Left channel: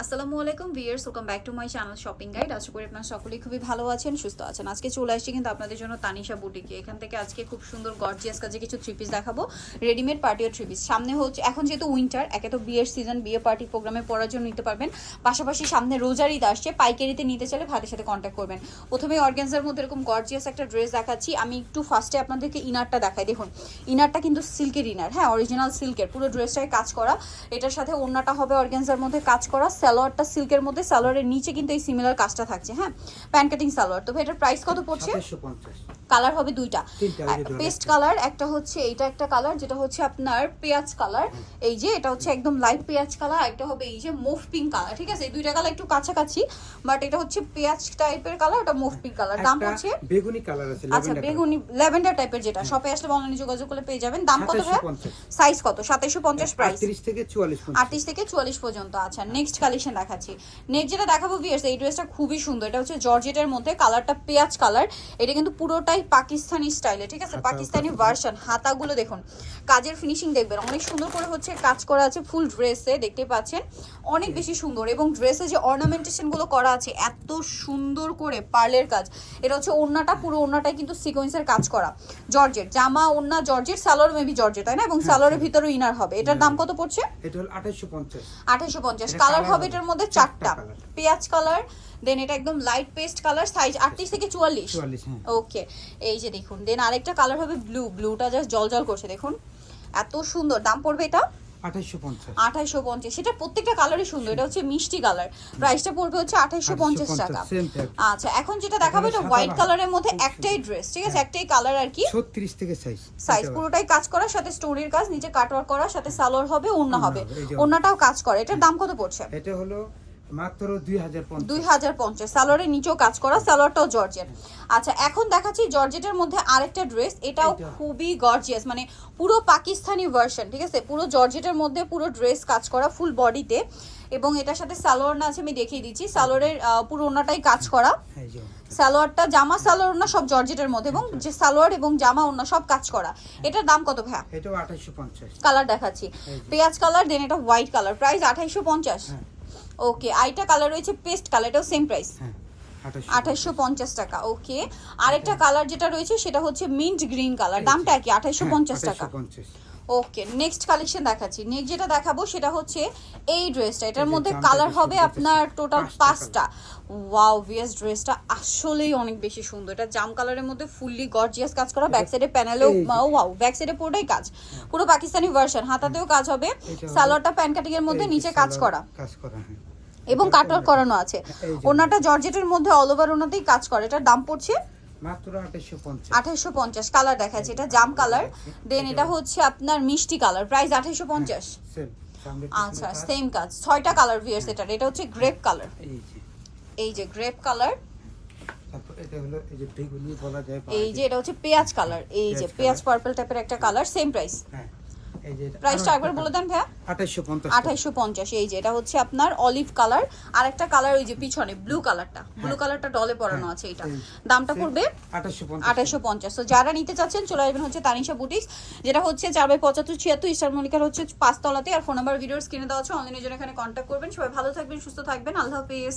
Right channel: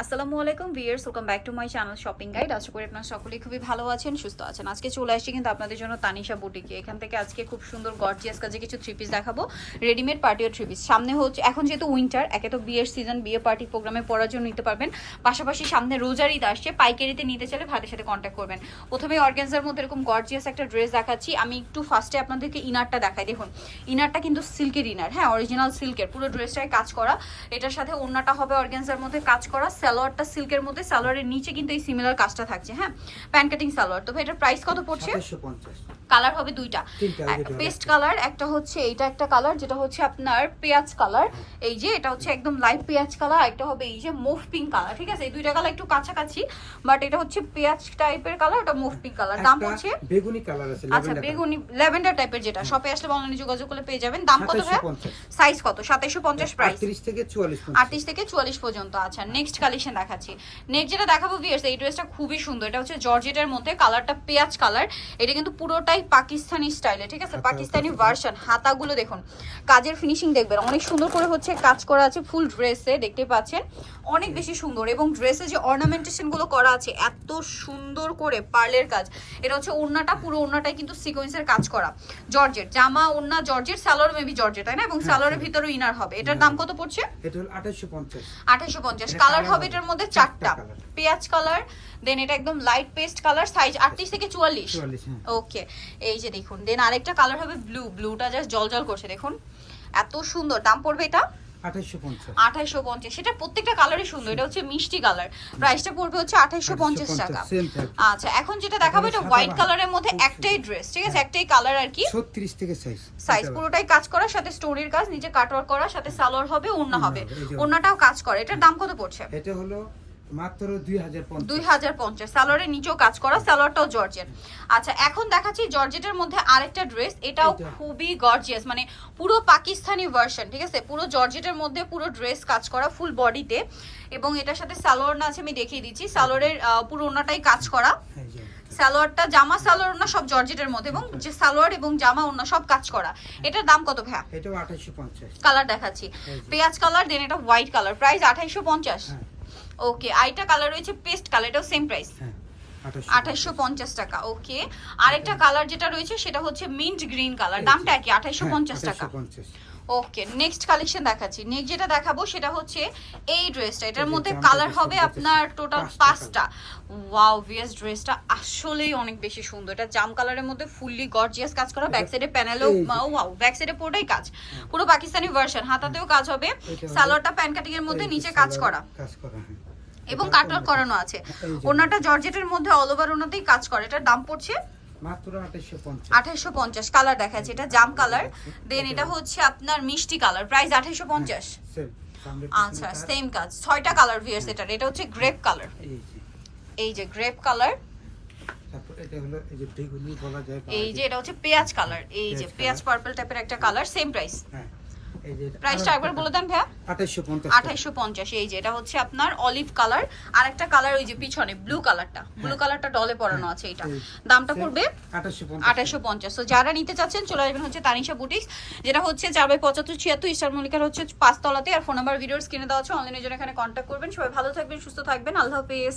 আসসালামু আলাইকুম viewers welcome back to my channel shopping guide আশা করি আপনারা সকলেই খুবই ভালো আছেন, সুস্থ আছেন। আজকে চলে আসছি কিন্তু আপনাদের জন্য তানিশা বুটিকে এখান থেকে আজকে খুব সুন্দর গর্জিয়াস কাজে কিছু থ্রি পিস দেখাবো। রেডিমেড পার্টি থ্রি পিস সামনে হচ্ছে, এখন যেহেতু উইন্টার একে তো বিয়ের সিজন বিয়ে পার্টি প্রোগ্রামে পড়ার জন্য নিতে পারবেন। পাশাপাশি সামনে রোজার ঈদ আসছে, পাইকারিতে নিতে চাইলে ভাইদের সাথে কন্ট্যাক্ট করবেন। প্রথমে অর্গ্যানজার মধ্যে এরকম গর্জিয়াস একটা ড্রেস দেখাচ্ছি। আমি একটু ফার্স্টে আপনাদেরকে ইনারটা দেখাই। দেখুন ইনারটা কিন্তু সিল্কের ইনার হ্যাঁ অরিজিনাল সিল্কের পুরো ড্রেসটাই কাজ করা। এটার সাথে ওড়নাটা হবে অর্গ্যানজার মধ্যে কাজ করা। সালোয়ারটা সিল্কের মধ্যে সালোয়ারের নিচে কিন্তু এই সিমিলার কাজটা থাকছে হ্যাঁ? প্যান কাটিং সালোয়ার। তো এটার প্রাইস কত পড়ছে? কালার হবে দুইটা। পেস্ট কালার একটা হচ্ছে এইটা একটা কালার যেটা হচ্ছে আপনার পেঁয়াজ কালার এই যে এটা হচ্ছে একদম লাইট পেঁয়াজ কালার একটা হবে এই যে মুভ পিঙ্ক কালার ঠিক আছে? এই দুইটা কালার একটু কাছাকাছি বাট এটা হচ্ছে পেঁয়াজ টাইপের কালার ওটা মুভ পিঙ্ক কালার দাম পড়ছে? বেগুনি কালার আছে আচ্ছা বেগুনি ল্যাভেন্ডার টাইপের যেটা। শপে আসলে অনলাইনে যোগাযোগ করলে পেয়ে যাবেন। দাম কত ভাই সাইজ কত? সাতাইশো পঞ্চাশ প্রাইস আটত্রিশ থেকে চুয়াল্লিশ পর্যন্ত। আটত্রিশ থেকে চুয়াল্লিশ পর্যন্ত আচ্ছা। নেক্সট কালেকশন দেখাচ্ছি। নেক্সট যেটা দেখাবো ভিয়ার্স এই ড্রেসটা খুবই সুন্দর। এটা হচ্ছে জর্জেটের মধ্যে কালারটা পেঁয়াজ কালার এটা কিন্তু পুরোটাই পাকিস্তানি স্টাইলে ঠিক আছে? পাকিস্তানি ভার্সন হাতাগুলো দেখুন। কাজের ফিনিশিং দেখবেন অনেক সুন্দর করে হচ্ছে কাজ করা আছে ফুল ড্রেসে দেখতে পাচ্ছেন? অনেক বেশি সুন্দর এবং ড্রেসে যে অর্নামেন্টেশনগুলো করা আছে এত সুন্দর করে পার্লের কাজ। এটা হচ্ছে ওড়নাটা পুরো ওড়নাটাই কিন্তু সিকোয়েন্সের কাজ করা। জর্জেট জামা ওড়না জর্জেট সালোয়ার মেবি জর্জেট তাই না? এবং হ্যাঁ, সালোয়ারের হ্যাঁ। ভিতরে ইনার হবে। এটার দাম কত পড়ছে? এটা হলো আঠাশশো পঞ্চাশ। আঠাশশো পঞ্চাশ। এটা কালার হবে হবে এটার মধ্যে চারটা। পেঁয়াজ কালার দেন এটা একদম লাইট পেস্ট কালার সাইজ আটত্রিশ থেকে চুয়াল্লিশ। চুয়াল্লিশ হ্যাঁ। ওকে এই যে দেখুন দেন আরেকটা কালার হবে ব্লু ব্লুটা জাস্ট জল জল করছে দেখুন। এত সুন্দর দাম পড়বে এটা? আঠাইশো পঞ্চাশ। সেটা প্রত্যেকটা কালারই সুন্দর। এটা হচ্ছে মিষ্টি কালার প্রাইসটা পড়বে হচ্ছে আঠাইশো পঞ্চাশ টাকা। আচ্ছা এখন যেটা দেখাবো এটা হোয়াইট কালারের মধ্যে একটাই ড্রেস ঠিক আছে? হ্যাঁ। একটাই কালার আর কি। ছত্রিশ থেকে সাইজ। সাইজ পুরোটাই কাজ করা সাথে স্টোরির কাজ নিচে কাটওয়ার করা সাথে সালোয়ার হবে ওড়না হবে। ওড়নাটাও কাজ করে। এটার দাম কত পড়ছে? এটা হলো মাত্র দুই হাজার পঞ্চাশ। দুই হাজার পঞ্চাশ। সালোয়ারের নিচেও কাজ করা সালোয়ারটাও জর্জেট আচ্ছা এখন দেখাচ্ছি জর্জেটের মধ্যে আরেকটা ড্রেস এটাও খুবই গর্জিয়াস মানে পুরো পাকিস্তানি ভার্সন ঠিক আছে? পুরো জর্জেটের মধ্যে পুরো ড্রেস কাজ করা ফুল বডিতে এবং এটার সাথে সালোয়ার না আছে আমি দেখিয়ে দিচ্ছি। সালোয়ারের পুরো ওনাটাই কাজ করা। সালোয়ারটা জামা সালোয়ার না সব জর্জেটের মধ্যে। এবং যে সালোয়ার এবং জামা ওনা সব কাজ করা। এটার দাম কত ভাইয়া? কালার দেখাচ্ছি। পেঁয়াজ কালার দেন এটা হোয়াইট কালার প্রাইস আঠাইশো পঞ্চাশ। হ্যাঁ। ওকে আইটা কালার রয়েছে পেস্ট কালার এটাও সেম প্রাইস হ্যাঁ আঠাইশো পঞ্চাশ। টাকা ওকে আরেকটা কালার যেটা রয়েছে সেটা হচ্ছে মিন্ট গ্রিন কালার দামটা যে। কি? আঠাইশো হ্যাঁ, পঞ্চাশ টাকা। 2850 ওকে নেক্সট কালেকশন দেখাচ্ছি। নেক্সট যেটা দেখাবো সেটা হচ্ছে এই ড্রেসটা এটার মধ্যে কালার হবে আপনার টোটাল পাঁচটা ওয়াও ভিএস ড্রেসটা আসলেই অনেক বেশি সুন্দর। এটা জাম কালারের মধ্যে ফুললি গর্জিয়াস কাজ করা। ব্যাক সাইডে প্যানেলেও ওয়াও ব্যাক সাইডে পুরোটাই কাজ। পুরো পাকিস্তানি ভার্সন হাতাতেও কাজ হবে। সালোয়ারটা প্যান কাটিং এর মধ্যে নিচে কাজ করা। কাজ করা হ্যাঁ। এবং ওড়না। করানো আছে। ওনাটা জর্জেটের মধ্যে অল ওভার ওনাতেই কাজ করে। এটার দাম পড়ছে পঞ্চাশ। আঠাইশো পঞ্চাশ। কালার দেখাচ্ছে। এটা জাম কালার দেন এটা হচ্ছে আপনার মিষ্টি কালার প্রাইস আঠাইশো পঞ্চাশ। আচ্ছা সেম কাজ। ছয়টা কালার ভিয়ার্স এটার। এটা হচ্ছে গ্রেপ কালার এই যে। গ্রেপ কালার এই যে এটা হচ্ছে পেঁয়াজ কালার এই যে পেঁয়াজ পার্পল টাইপের একটা কালার সেম প্রাইস হ্যাঁ। প্রাইসটা একবার বলে দেন ভাইয়া। এই যে এটা হচ্ছে আপনার অলিভ কালার আর একটা কালার ওই যে পিছনে ব্লু কালারটা ব্লু কালারটা ডলে পরানো আছে এটা। দামটা পড়বে আঠাশশো পঞ্চাশ আঠাশশো পঞ্চাশ। তো যারা নিতে চাচ্ছেন চলে আসবেন হচ্ছে তানিশা বুটিক্স যেটা হচ্ছে চার বাই পঁচাত্তর ছিয়াত্তর ইস্টার মল্লিকার হচ্ছে পাঁচতলাতে। আর ফোন নাম্বার ভিডিওর স্ক্রিনে দেওয়া আছে। অনলাইনের জন্য এখানে কন্ট্যাক্ট করবেন। সবাই ভালো থাকবেন সুস্থ থাকবেন। আল্লাহ হাফিজ।